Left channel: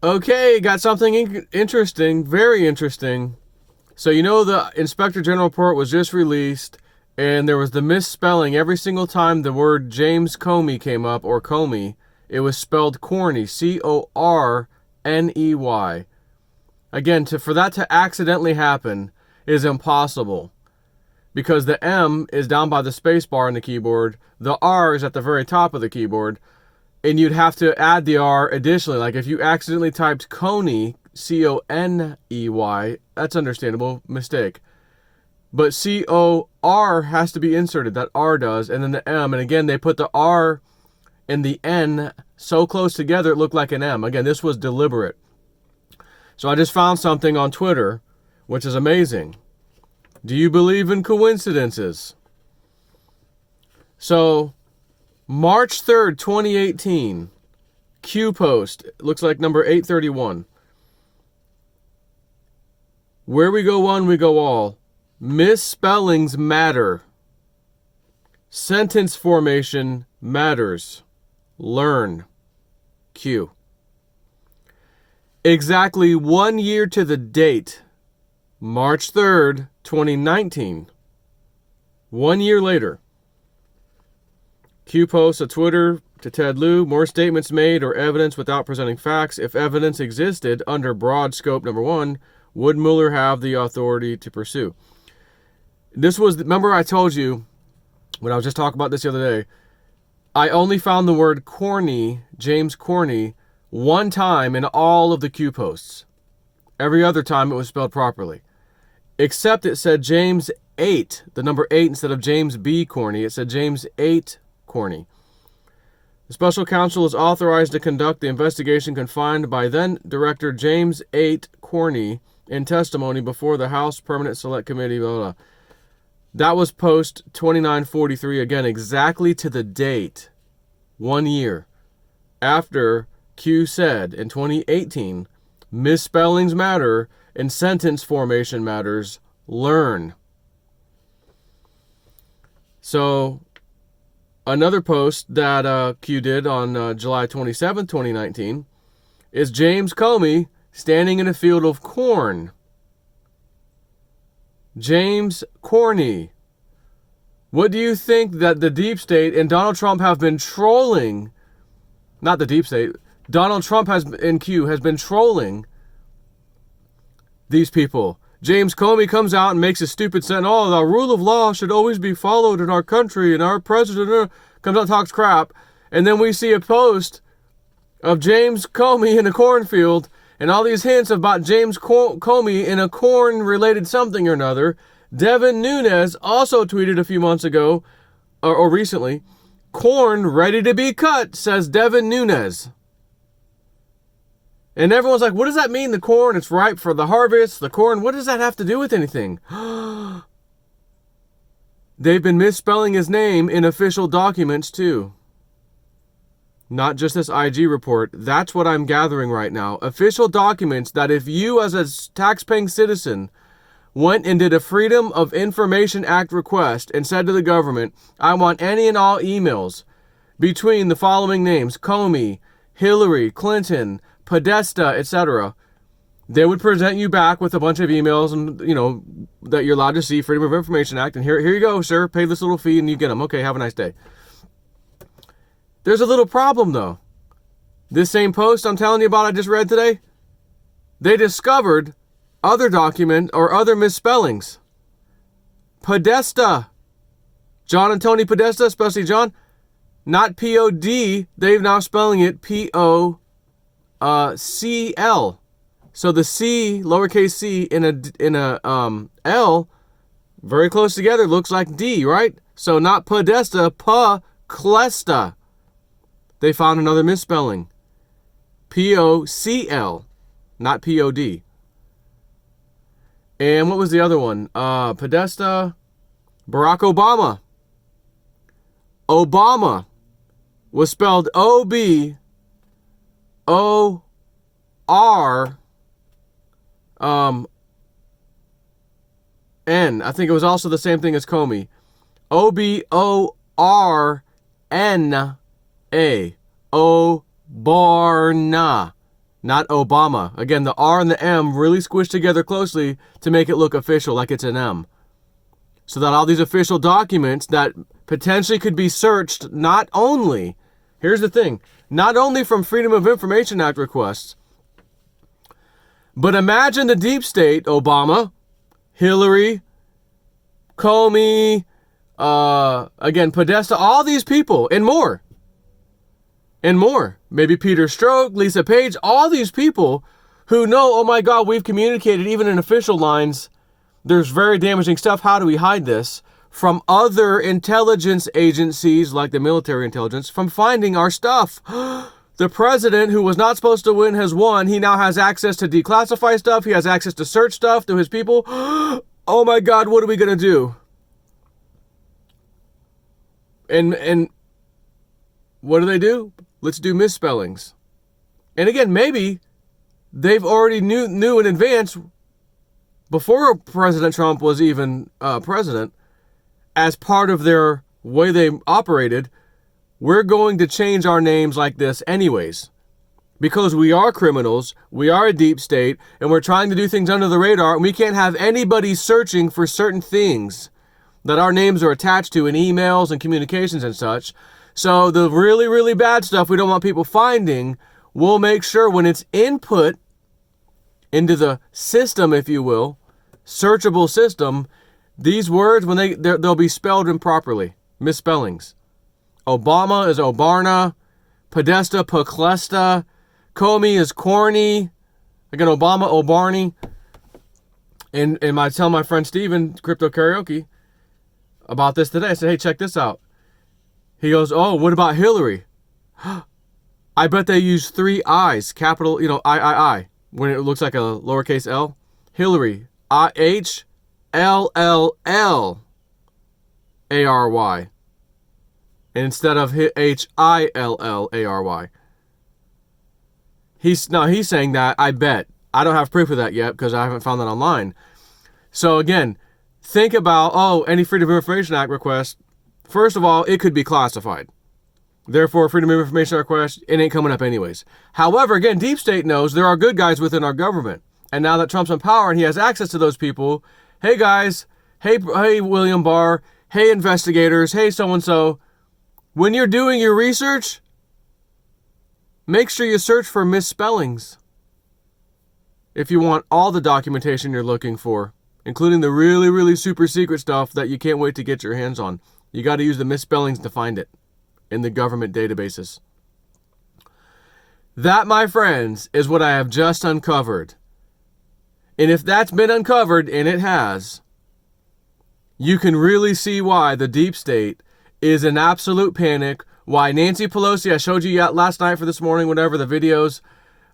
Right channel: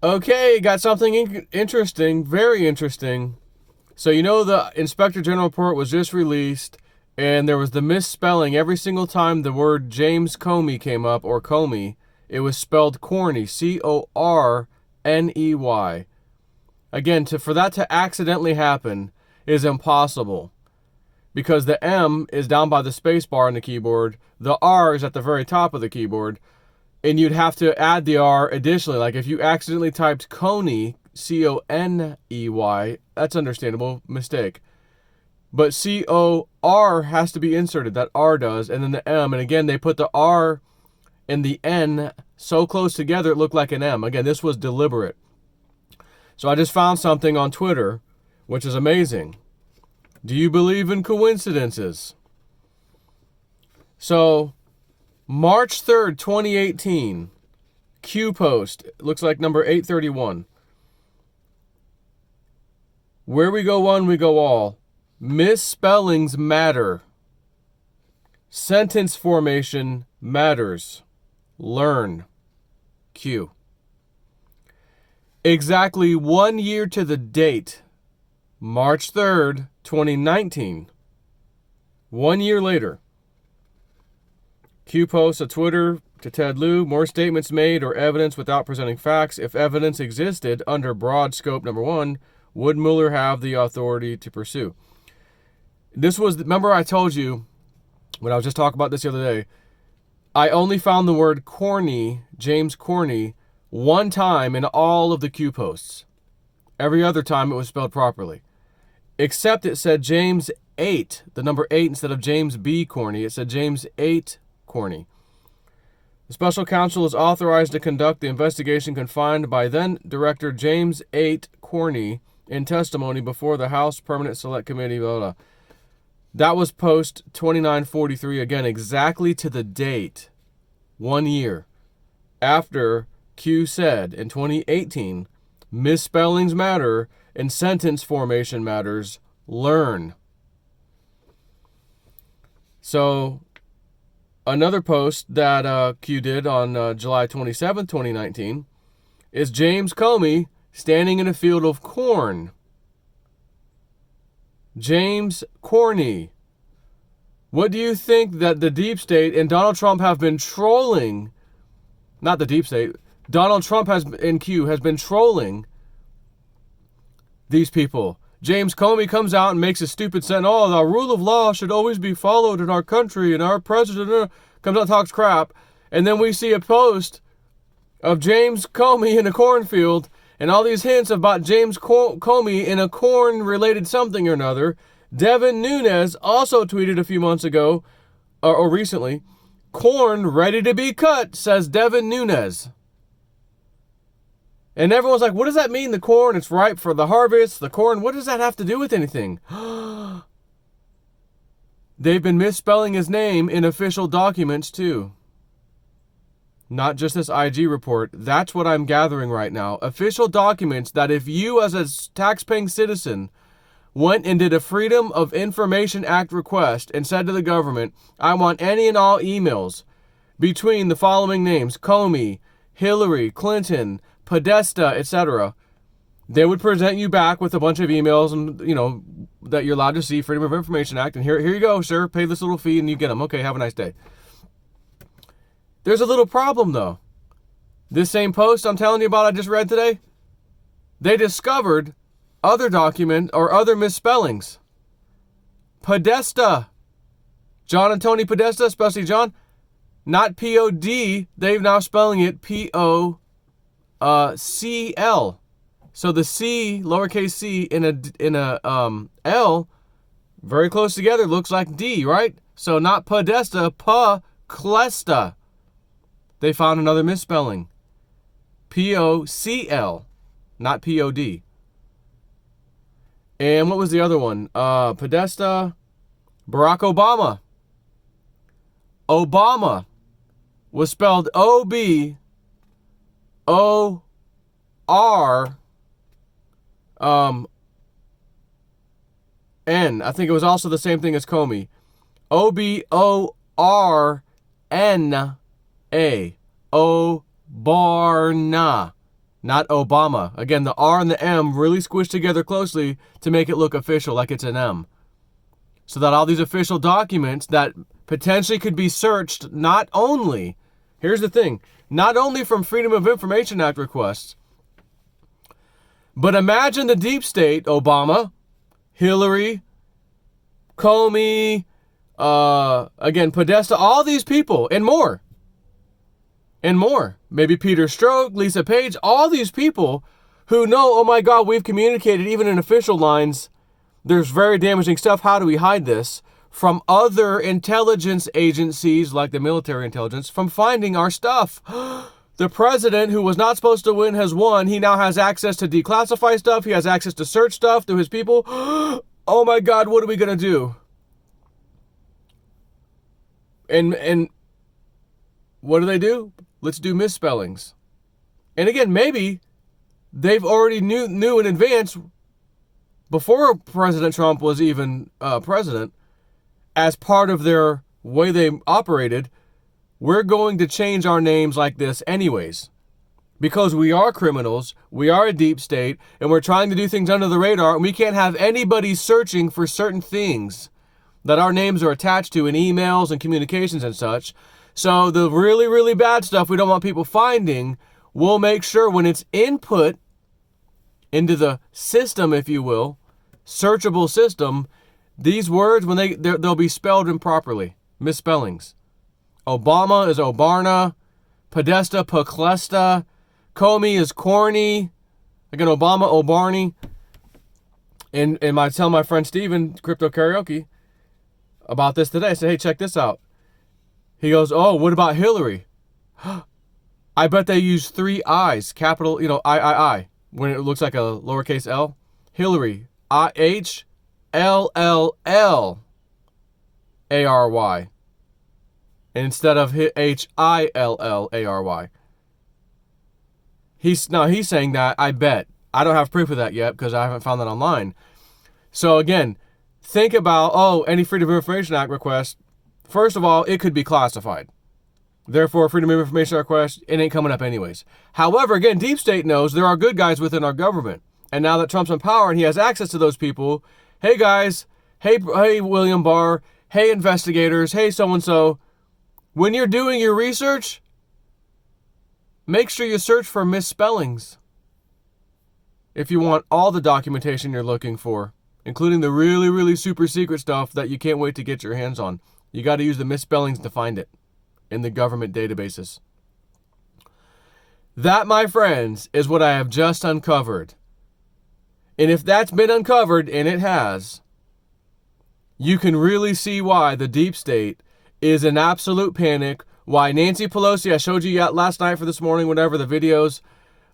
Okay, got something interesting, very interesting. So you know the Inspector General report was just released, and there was the misspelling every single time the word James Comey came up, or Comey. It was spelled Corney, Corney. Again, for that to accidentally happen is impossible because the M is down by the space bar on the keyboard, the R is at the very top of the keyboard, and you'd have to add the R additionally. Like if you accidentally typed Coney, Coney, that's understandable, mistake. But COR has to be inserted, that R does, and then the M, and again they put the R and the N so close together it looked like an M. Again, this was deliberate. So I just found something on Twitter, which is amazing. Do you believe in coincidences? So, March 3rd, 2018, Q post, looks like number 831. Where we go one, we go all. Misspellings matter. Sentence formation matters. Learn. Q. Exactly 1 year to the date, March 3rd, 2019. 1 year later. Q posts a Twitter to Ted Lieu, more statements made or evidence without presenting facts. If evidence existed under broad scope number 1, would Mueller have the authority to pursue? This was, remember I told you, when I was just talking about this the other day, I only found the word Corney, James Corney, one time in all of the Q posts. Every other time it was spelled properly. Except it said James 8, the number 8 instead of James B. Corney. It said James 8 Corney. The special counsel is authorized to conduct the investigation confined by then Director James 8 Corney in testimony before the House Permanent Select Committee, blah, blah. That was post 2943, again, exactly to the date, 1 year after Q said in 2018, misspellings matter and sentence formation matters. Learn. So, another post that Q did on July 27, 2019, is James Comey standing in a field of corn. James Corney. What do you think that the deep state and Donald Trump have been trolling? Not the deep state. Donald Trump in Q has been trolling these people. James Comey comes out and makes a stupid sentence. Oh, the rule of law should always be followed in our country, and our president comes out and talks crap. And then we see a post of James Comey in a cornfield and all these hints about James Comey in a corn-related something or another. Devin Nunes also tweeted a few months ago, or recently, corn ready to be cut, says Devin Nunes. And everyone's like, what does that mean, the corn? It's ripe for the harvest, the corn. What does that have to do with anything? They've been misspelling his name in official documents, too. Not just this IG report. That's what I'm gathering right now. Official documents that if you, as a taxpaying citizen, went and did a Freedom of Information Act request and said to the government, I want any and all emails between the following names, Comey, Hillary Clinton, Podesta, etc., they would present you back with a bunch of emails and, that you're allowed to see, Freedom of Information Act, and here you go, sir, pay this little fee and you get them. Okay, have a nice day. There's a little problem, though. This same post I'm telling you about I just read today, they discovered other document or other misspellings. Podesta. John and Tony Podesta, especially John, not P-O-D, they're now spelling it P-O-C-L. So the C, lowercase c, in a L, very close together, looks like D, right? So not Podesta, Clesta. They found another misspelling. P-O-C-L, not P-O-D. And what was the other one? Podesta, Barack Obama. Obama was spelled O-B-O-R-N. I think it was also the same thing as Comey. O-B-O-R-N-A. Obarna. not Obama. Again, the R and the M really squished together closely to make it look official, like it's an M. So that all these official documents that potentially could be searched not only, here's the thing, not only from Freedom of Information Act requests, but imagine the deep state, Obama, Hillary, Comey, again, Podesta, all these people, and more. And more. Maybe Peter Strzok, Lisa Page, all these people who know, oh my God, we've communicated even in official lines. There's very damaging stuff. How do we hide this? From other intelligence agencies, like the military intelligence, from finding our stuff. The president, who was not supposed to win, has won. He now has access to declassify stuff. He has access to search stuff through his people. Oh my God, what are we going to do? And what do? Let's do misspellings. And again, maybe they've already knew in advance, before President Trump was even president, as part of their way they operated, we're going to change our names like this anyways. Because we are criminals, we are a deep state, and we're trying to do things under the radar, and we can't have anybody searching for certain things that our names are attached to in emails and communications and such. So the really, really bad stuff we don't want people finding, we'll make sure when it's input into the system, if you will, searchable system, these words, when they'll be spelled improperly, misspellings. Obama is Obarna, Podesta, Poclesta, Comey is Corney, again, Obama, Obarney. And I tell my friend Steven, Crypto Karaoke, about this today. I said, hey, check this out. He goes, oh, what about Hillary? I bet they use 3 I's, capital, I, when it looks like a lowercase l. Hillary, Hillary. And instead of Hillary. He's saying that, I bet. I don't have proof of that yet because I haven't found that online. So again, think about, any Freedom of Information Act request. First of all, it could be classified. Therefore, Freedom of Information request, it ain't coming up anyways. However, again, Deep State knows there are good guys within our government. And now that Trump's in power and he has access to those people, hey guys, hey William Barr, hey investigators, hey so-and-so, when you're doing your research, make sure you search for misspellings. If you want all the documentation you're looking for, including the really, really super secret stuff that you can't wait to get your hands on. You got to use the misspellings to find it in the government databases. That, my friends, is what I have just uncovered. And if that's been uncovered, and it has, you can really see why the deep state is in absolute panic, why Nancy Pelosi, I showed you last night for this morning, whatever, the videos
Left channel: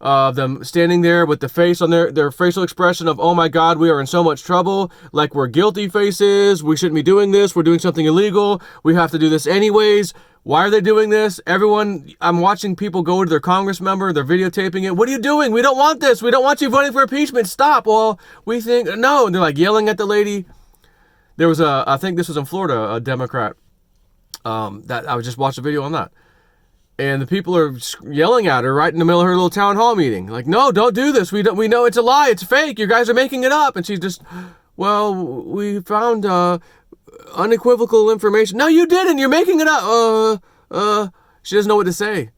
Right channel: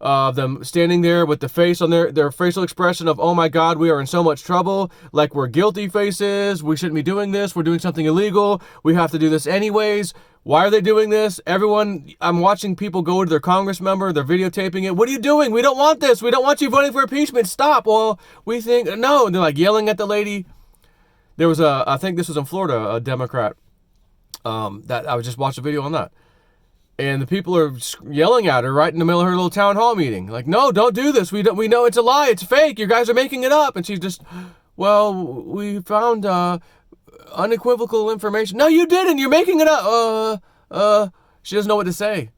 of them standing there with the face on their facial expression of, oh my God, we are in so much trouble, like we're guilty faces, we shouldn't be doing this, we're doing something illegal, we have to do this anyways. Why are they doing this? Everyone, I'm watching people go to their Congress member, they're videotaping it. What are you doing? We don't want this. We don't want you voting for impeachment. Stop. Well, we think, no. And they're like yelling at the lady. There was I think this was in Florida, a Democrat, that I just watched a video on that. And the people are yelling at her right in the middle of her little town hall meeting. Like, no, don't do this. We know it's a lie. It's fake. You guys are making it up. And she's just, well, we found unequivocal information. No, you didn't. You're making it up. She doesn't know what to say.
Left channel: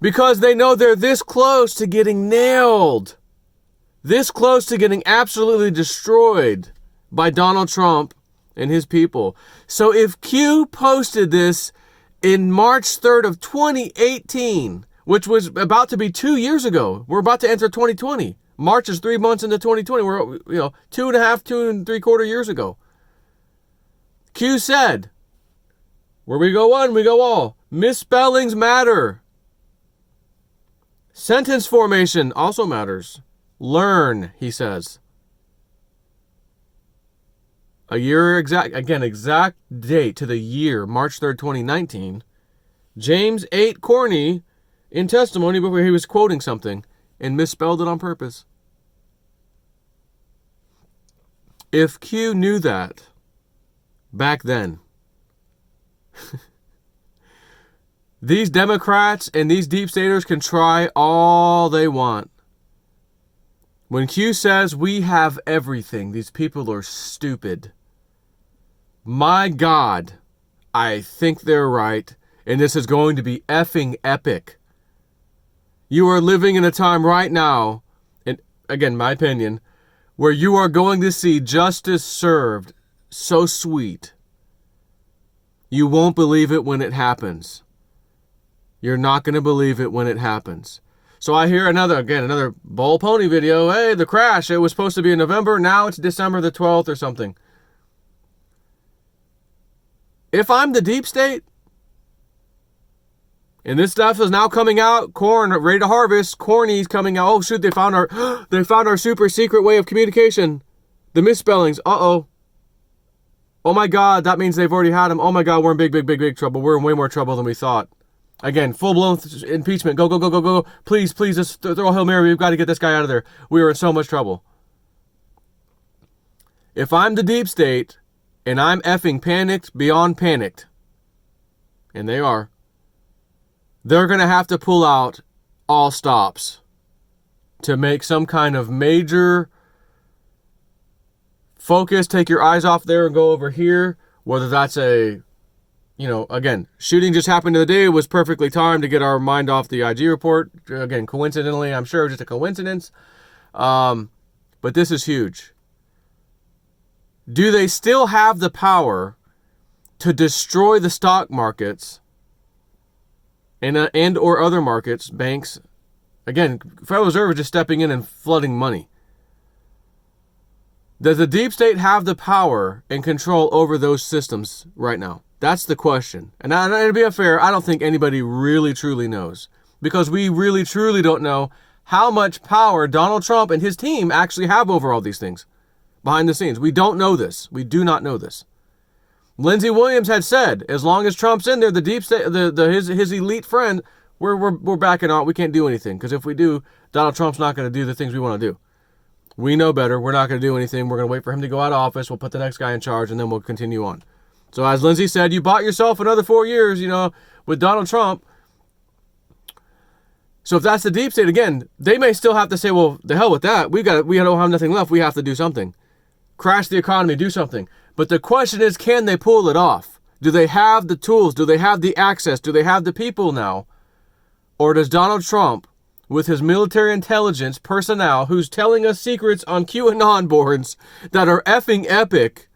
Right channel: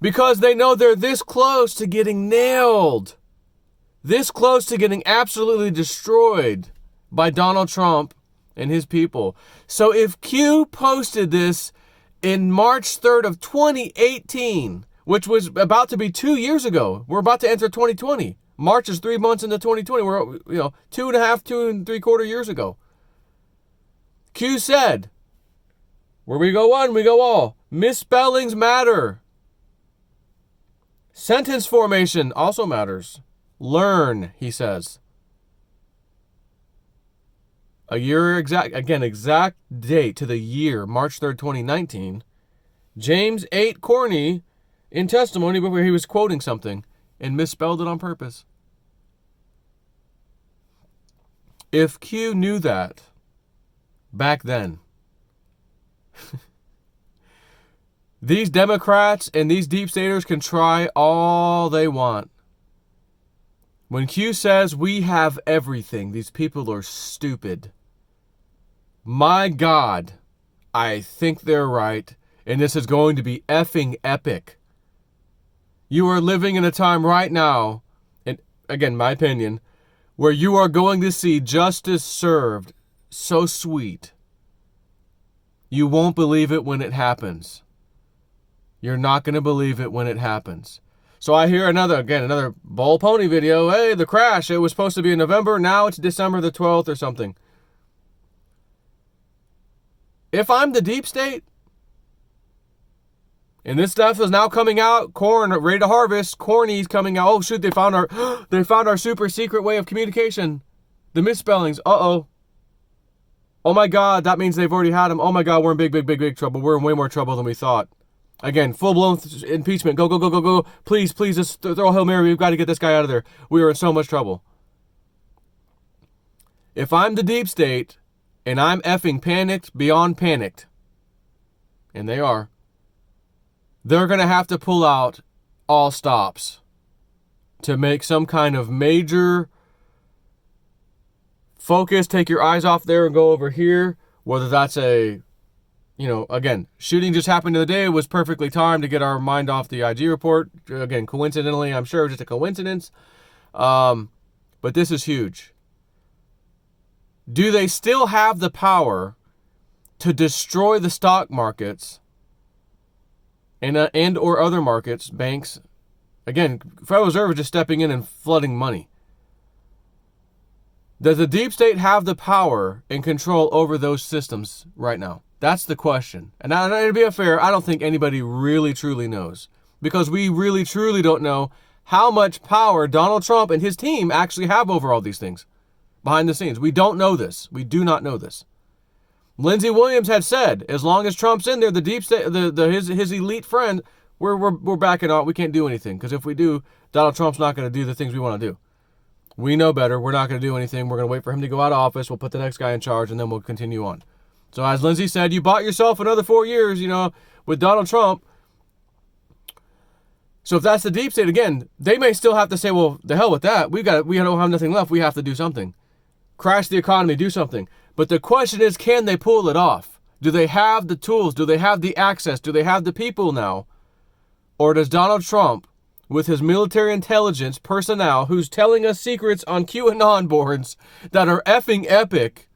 Because they know they're this close to getting nailed. This close to getting absolutely destroyed by Donald Trump and his people. So if Q posted this in March 3rd of 2018, which was about to be 2 years ago. We're about to enter 2020. March is 3 months into 2020. We're, 2 3/4 years ago. Q said, where we go one, we go all. Misspellings matter. Sentence formation also matters. Learn, he says. A year exact date to the year, March 3rd, 2019. James 8 Corney, in testimony before he was quoting something and misspelled it on purpose. If Q knew that back then, These Democrats and these deep staters can try all they want. When Q says we have everything, these people are stupid. My God, I think they're right, and this is going to be effing epic. You are living in a time right now, and again, my opinion, where you are going to see justice served so sweet. You won't believe it when it happens. You're not going to believe it when it happens. So I hear another Bull Pony video. Hey, the crash, it was supposed to be in November. Now it's December the 12th or something. If I'm the deep state, and this stuff is now coming out, corn ready to harvest, Corney's coming out. Oh shoot, they found our super secret way of communication. The misspellings. Uh-oh. Oh my God, that means they've already had them. Oh my God, we're in big trouble. We're in way more trouble than we thought. Again, full-blown impeachment. Go. Please, just throw a Hail Mary. We've got to get this guy out of there. We are in so much trouble. If I'm the deep state, and I'm effing panicked beyond panicked, and they are, they're going to have to pull out all stops to make some kind of major focus, take your eyes off there and go over here, whether that's again, shooting just happened the day, was perfectly timed to get our mind off the IG report. Again, coincidentally, I'm sure it was just a coincidence. But this is huge. Do they still have the power to destroy the stock markets and or other markets, banks? Again, Federal Reserve is just stepping in and flooding money. Does the deep state have the power and control over those systems right now? That's the question. And to be fair, I don't think anybody really truly knows, because we really truly don't know how much power Donald Trump and his team actually have over all these things behind the scenes. We don't know this. We do not know this. Lindsey Williams had said, as long as Trump's in there, the deep state, his elite friend, we're backing out. We can't do anything, because if we do, Donald Trump's not going to do the things we want to do. We know better. We're not going to do anything. We're going to wait for him to go out of office. We'll put the next guy in charge, and then we'll continue on. So as Lindsey said, you bought yourself another 4 years, with Donald Trump. So if that's the deep state, again, they may still have to say, well, the hell with that. We don't have nothing left. We have to do something. Crash the economy, do something. But the question is, can they pull it off? Do they have the tools? Do they have the access? Do they have the people now? Or does Donald Trump, with his military intelligence personnel, who's telling us secrets on QAnon boards that are effing epic,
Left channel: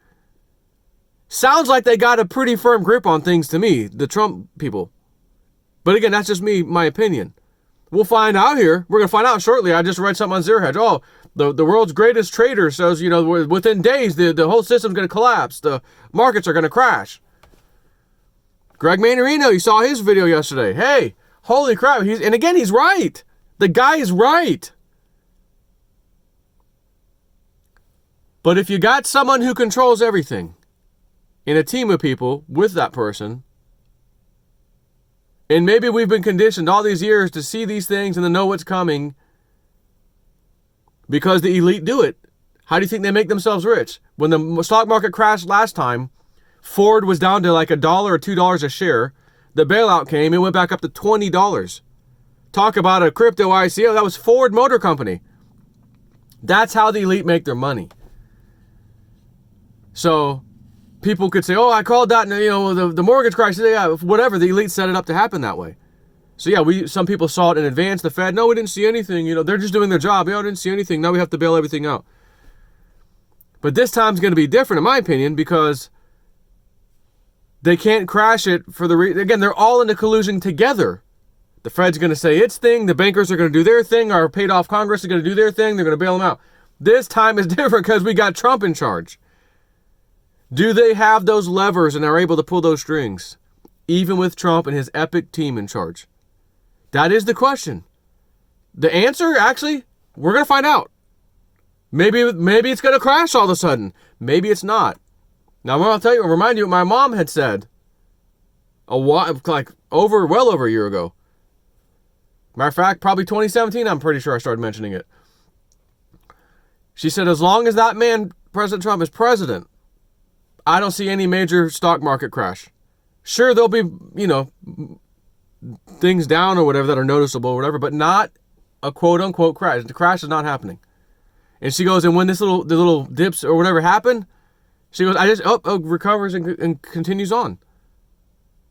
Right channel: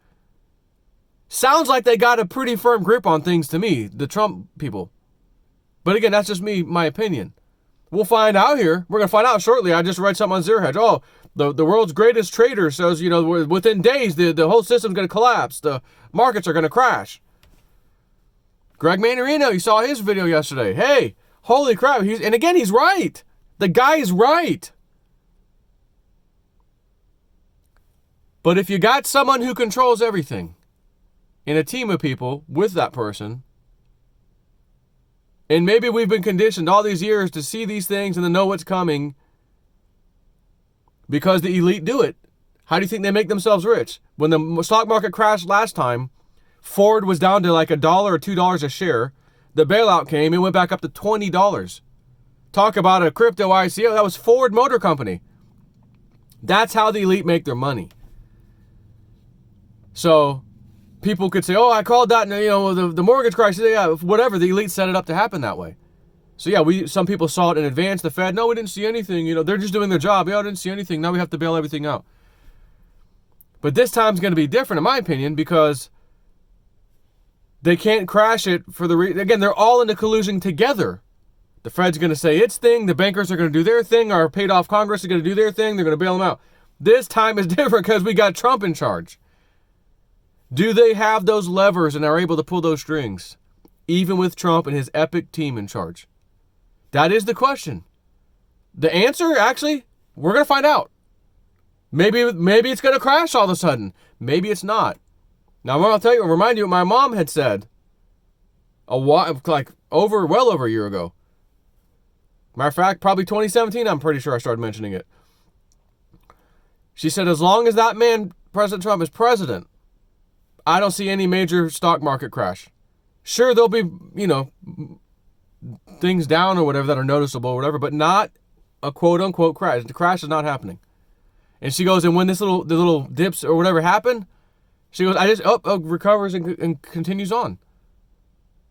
sounds like they got a pretty firm grip on things to me, the Trump people. But again, that's just my opinion. We'll find out here. We're going to find out shortly. I just read something on Zero Hedge. Oh, the world's greatest trader says, within days, the whole system's going to collapse. The markets are going to crash. Greg Manarino, you saw his video yesterday. Hey, holy crap. And again, he's right. The guy is right. But if you got someone who controls everything, in a team of people with that person, and maybe we've been conditioned all these years to see these things and to know what's coming because the elite do it. How do you think they make themselves rich? When the stock market crashed last time, Ford was down to like $1 or $2 a share. The bailout came, it went back up to $20. Talk about a crypto ICO. That was Ford Motor Company. That's how the elite make their money. So people could say, oh, I called that, the mortgage crisis, whatever. The elite set it up to happen that way. So yeah, some people saw it in advance. The Fed, no, we didn't see anything. They're just doing their job. Yeah, I didn't see anything. Now we have to bail everything out. But this time's going to be different, in my opinion, because they can't crash it for again, they're all in the collusion together. The Fed's going to say its thing. The bankers are going to do their thing. Our paid off Congress is going to do their thing. They're going to bail them out. This time is different because we got Trump in charge. Do they have those levers and are able to pull those strings, even with Trump and his epic team in charge? That is the question. The answer, actually, we're going to find out. Maybe it's going to crash all of a sudden. Maybe it's not. Now, I'll remind you what my mom had said well over a year ago. Matter of fact, probably 2017, I'm pretty sure I started mentioning it. She said, as long as that man, President Trump, is president, the things down or whatever that are noticeable or whatever, but not a quote unquote crash. The crash is not happening. And she goes, and when the little dips or whatever happen, she goes, recovers and continues on.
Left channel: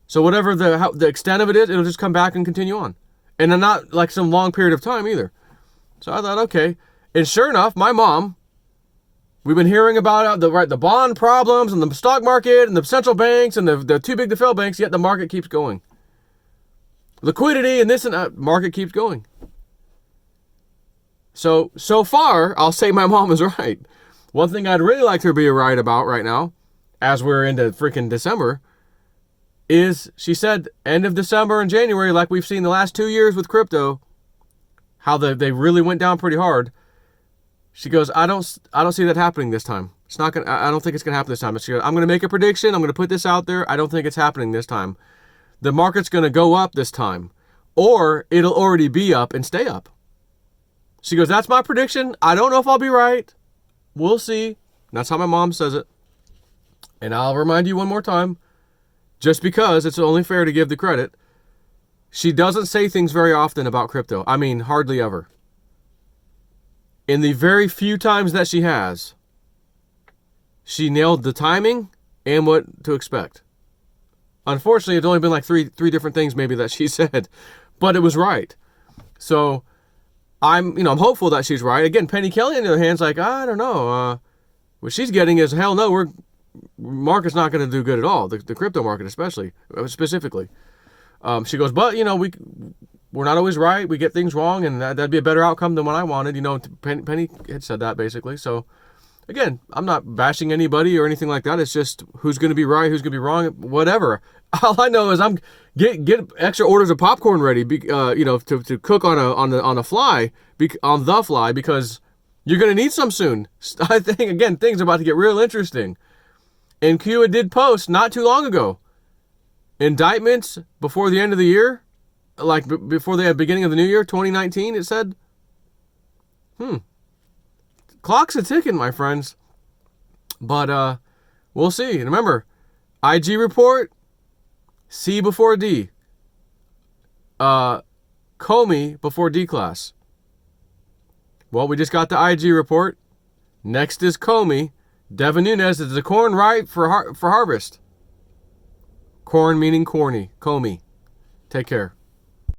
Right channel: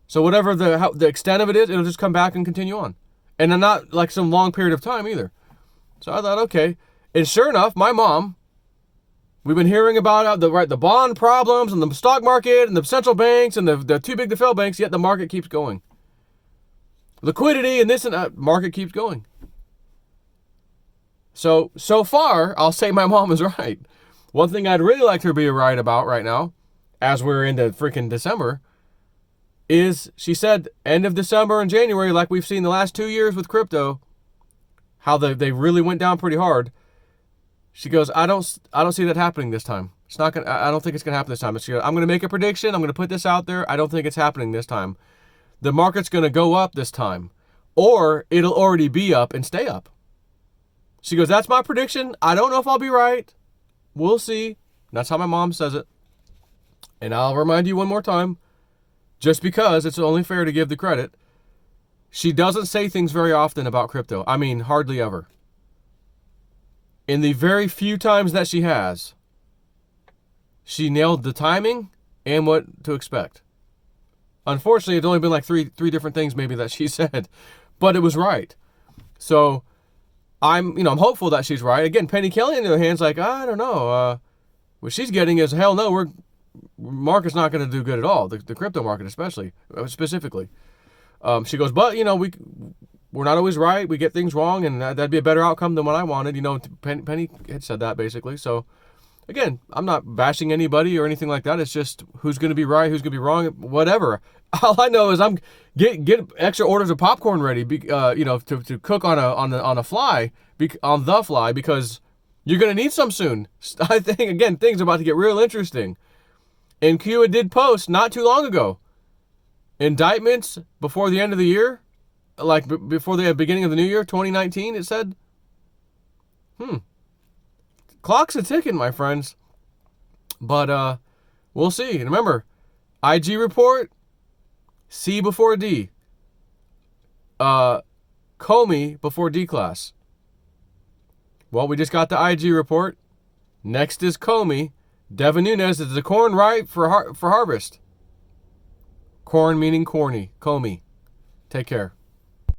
So whatever the extent of it is, it'll just come back and continue on. And then not like some long period of time either. So I thought, okay. And sure enough, my mom, we've been hearing about the bond problems and the stock market and the central banks and the too big to fail banks, yet the market keeps going. Liquidity and this and that, market keeps going. So far, I'll say my mom is right. One thing I'd really like her to be right about right now, as we're into freaking December, is she said end of December and January, like we've seen the last 2 years with crypto, how they really went down pretty hard. She goes, I don't see that happening this time. It's not gonna. I don't think it's gonna happen this time. She goes, I'm gonna make a prediction. I'm gonna put this out there. I don't think it's happening this time. The market's gonna go up this time, or it'll already be up and stay up. She goes, that's my prediction. I don't know if I'll be right. We'll see. That's how my mom says it. And I'll remind you one more time, just because it's only fair to give the credit, she doesn't say things very often about crypto. I mean, hardly ever. In the very few times that she has, she nailed the timing and what to expect. Unfortunately, it's only been like three different things maybe that she said, but it was right. So I'm hopeful that she's right. Again, Penny Kelly on the other hand is like, I don't know. What she's getting is, hell no, market's not going to do good at all. The crypto market specifically. She goes, but we're not always right. We get things wrong, and that'd be a better outcome than what I wanted. Penny had said that basically. So again, I'm not bashing anybody or anything like that. It's just who's going to be right, who's going to be wrong, whatever. All I know is I'm get extra orders of popcorn ready, to cook on the fly, because you're going to need some soon. I think again things are about to get real interesting. And Q did post not too long ago indictments before the end of the year, like before the beginning of the new year, 2019. It said, clock's a ticking, my friends. But we'll see. And remember, IG report, C before D. Comey before D class. Well, we just got the IG report. Next is Comey. Devin Nunes, is the corn ripe for harvest? Corn meaning Corney. Comey. Take care.